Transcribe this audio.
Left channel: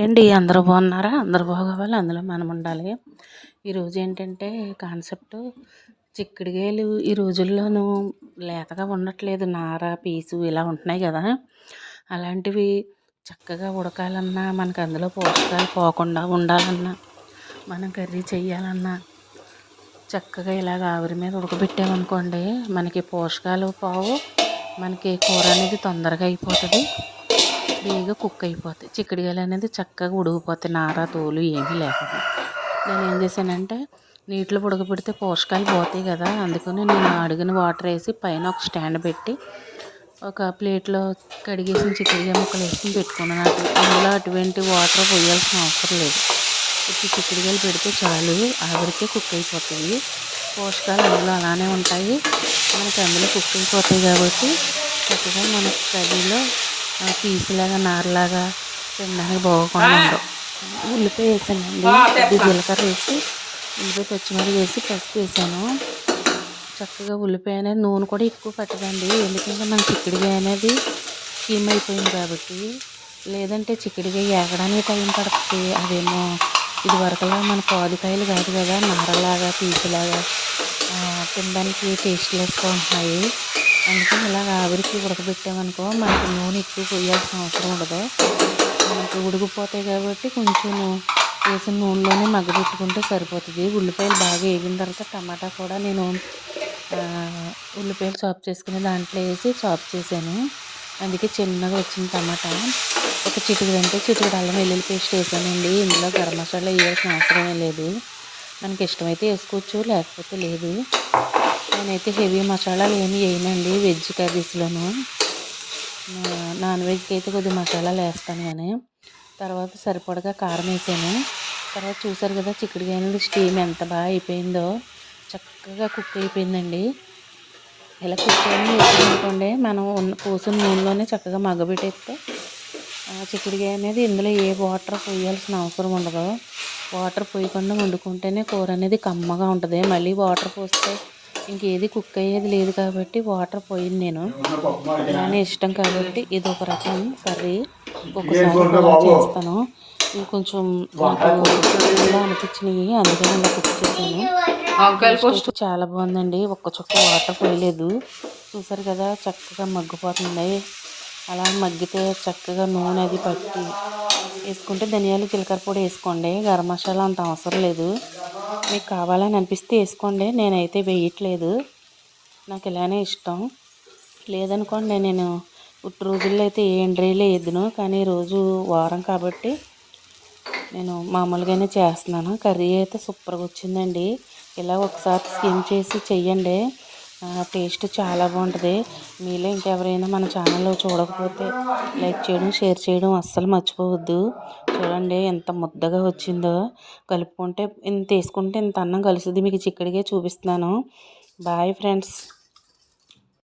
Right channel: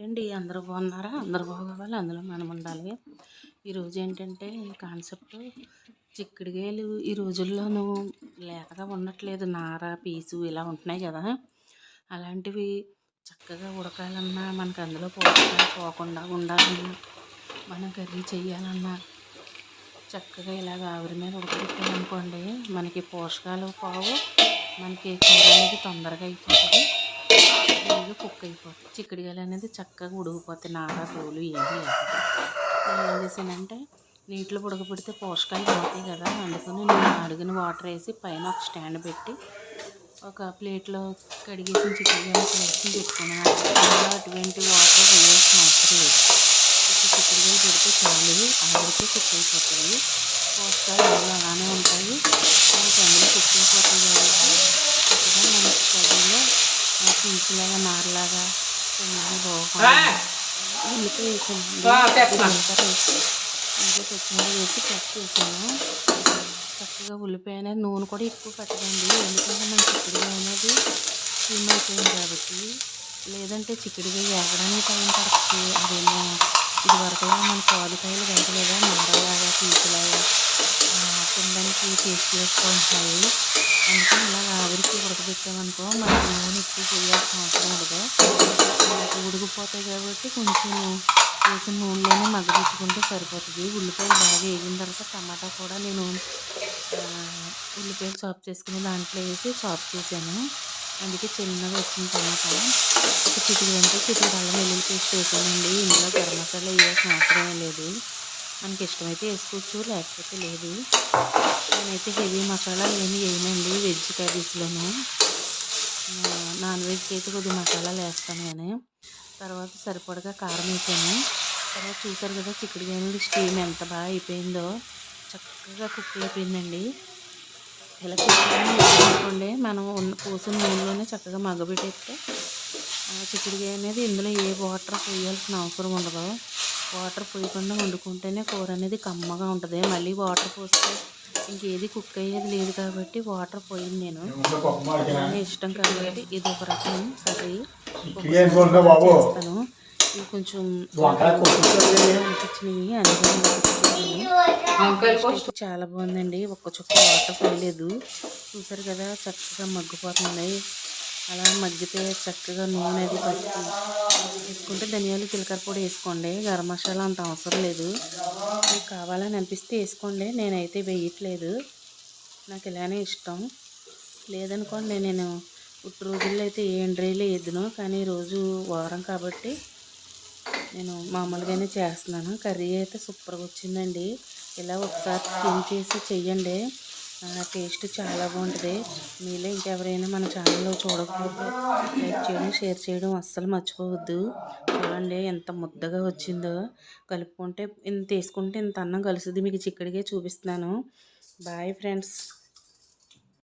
ఏంటి? అందరూ బాగున్నారా? అందరూ బాగోవాలి? అందులో మనం ఉండాలి. ఈరోజు ఏంటంటే కాన్సెప్ట్ చిక్కుడుగాయలు ఈ రోజుల్లోనూ లేతగా ఉండట్లేదు. నార పీసు ఇలా ఉంటున్నాయి కదా. అలాంటివి చక్కగా ఉడకాలన్నా మనకు అందులో పోషకాలు పోకుండా ఉండాలన్నా మనం కర్రీ చేయాలన్నా చక్కగా ఇలాగ ఆవిరి మీద ఉడకబెట్టామనుకోండి మనకి పోషకాలు పోవు. మనకి కూర అనేది తొందరగా అయిపోతుంది. ఫ్రీగా కుక్ అయిపోతాయి. చిక్కుడుకాయలు అనేది చక్కగా ఉడికిపోతాయి. నార తోలు ఏమీ లేకుండా నేను ఏం చేశానంటే నీటిలో ఉడకబెడితే పోషకాలు పోతాయి కదా అందుకని నేను అడిగిన వాటర్ వేసి పైన ఒక స్టాండ్ పెట్టి ఒక ప్లేట్లో కడిగేసిన చిక్కుడుకాయ ముక్కలు వేసి పెట్టుకున్నాను. అందులో అటువంటి వాటర్ పోయాల్సిన అవసరం లేదు. ఉత్తి చిక్కుడుకాయలు పెడితే చాలు ఆవిరికే కుక్ అయిపోతాయి. పోషకాలు అందులో అలానే ఉంటాయి. మనకి అందులో కుక్ అయిపోతాయి కాబట్టి చక్కగా మన కర్రీలో పీసులాగా నారలాగా తినడానికి బాగోకుండా ఉల్లిపాయ వేసానండి. జీలకర్ర వేసి ఉల్లిపాయ పచ్చిమిరపకాయ వేసి పసుపు వేసాను. చక్కగా ఉల్లిపాయ అనేది నూనె కూడా ఎక్కువ పట్టదండి. ఎందుకంటే మన చిక్కుడుకాయ అనేది స్టీమ్ అయిపోయింది కాబట్టి. లేదంటే చిక్కుడుకాయ ఏగడానికి టైం పడుతుంది. అదేమో ఇది వరకులా మన పాదుకాయలు కాదు కదా నారలాగా పీసులాగా తినడానికి టేస్ట్లెస్గా ఉంటున్నాయి. అందుకని ఇలా ఆవిరికి ఉడకబెట్టామనుకో మనకి నూనె ఎక్కువ పోయాల్సిన అవసరం ఉండదు. మనకి ఉడికిపోతాయి కాబట్టి కొంచెం వేసిన నూనెలోనే మగ్గబెట్టుకుంటే సరిపోతుంది. ఉల్లిపాయలు బాగా వేగిన తర్వాత టమాటా కూడా నేను ఉల్లిపాయలు చాప్ చేసుకుని దాంట్లో వేసి చాప్ చేశాను. అందుకే చిన్నగా వచ్చిన టమాటా. ఒక చిటికి అంటే చిటికి అల్లం వెల్లుల్లి పేస్ట్ వేసానండి. ఇందులో గరం మసాలా వేయాల్సిన అవసరం లేదు. మనకి ఇష్టమైతే వేసుకోవచ్చు లేకపోతే లేదు. నేనైతే హెవీ మసాలాలు ఏమి వేయనండి వెజ్ కర్రీస్లోను. నాన్ వెజ్కి అయితే కొద్దిగా మసాలాలు వేస్తాను కానీ. తర్వాత సరిపడగా కారం వేసాను. తర్వాత చూసారు కదా చిక్కుడుకాయ స్టీమ్ ఎంత బాగా అయిపోయిందో. చక్కగా కుక్ అయిపోయిందండి. ఇలా కుక్ అనుకోండి మనం ఉన్న పోసిన నూనెలోనే చక్కగా మగ్గబెట్టేస్తే చిక్కుడుకాయ అనేది ఇందులో ఏ వాటర్ పోయాల్సిన అవసరం ఉండదు. వాటర్ పోయకుండా వండుకుంటేనే కూర అనేది కమ్మగా ఉంటుంది. మళ్ళీ వాటర్ పోస్తే ఇంకేది కుక్ అయ్యేది లేదు కాబట్టి వాటర్ పోయింది నేను. అలానే ఇష్టం కాబట్టి ఇది ఒక రకం కర్రీ. ఒకసారి చేస్తాను. ఇవి కొంచెం అనిపించినవి అందుకని అలా కుక్ చేశాను. చాలా బాగుందండి. ఒక్క చుక్క వాటర్ పోయలేదు. చూసారు కదా చక్కగా మగ్గిపోతున్నాయి అలా మగ్గితే చక్కగా నూనె అది పట్టి వేసుకుంటే ధనియాలు జీలకర్ర పొడి వేసుకోండి. గరం మసాలా అంత అవసరం లేదు. మీకు కావాలని అనిపిస్తే వేసుకోండి. నేనైతే వేయట్లేదు. నాకు ఇలానే ఇష్టం. లేదనుకోండి నేను ఇప్పుడు రోజుల్లో అయితే ఏ ఎండ్రీలే వేయదును కానీ రోజు వారం కాబట్టి నేను మామూలుగానే చేస్తున్నాను. కర్రీ అయితే సూపర్గా వచ్చిందండి. ఇలా ఒకసారి స్కిన్ చేసి చెయ్యండి. టేస్ట్ చాలా బాగుంటుంది. మీలో ఇంకెవరైనా మన ఛానల్లో చూడకపోతే లైక్ చేయడం షేర్ చేయడం అస్సలు మర్చిపోవద్దు. చూడండి ఎంత ముద్దగా వచ్చిందో. కలుపుకుంటే ఇంత వేసుకుంటే ఇంత అన్నం కలుస్తుంది. మీకు చిక్కడిగా చూపిస్తున్నాను. Bye friends.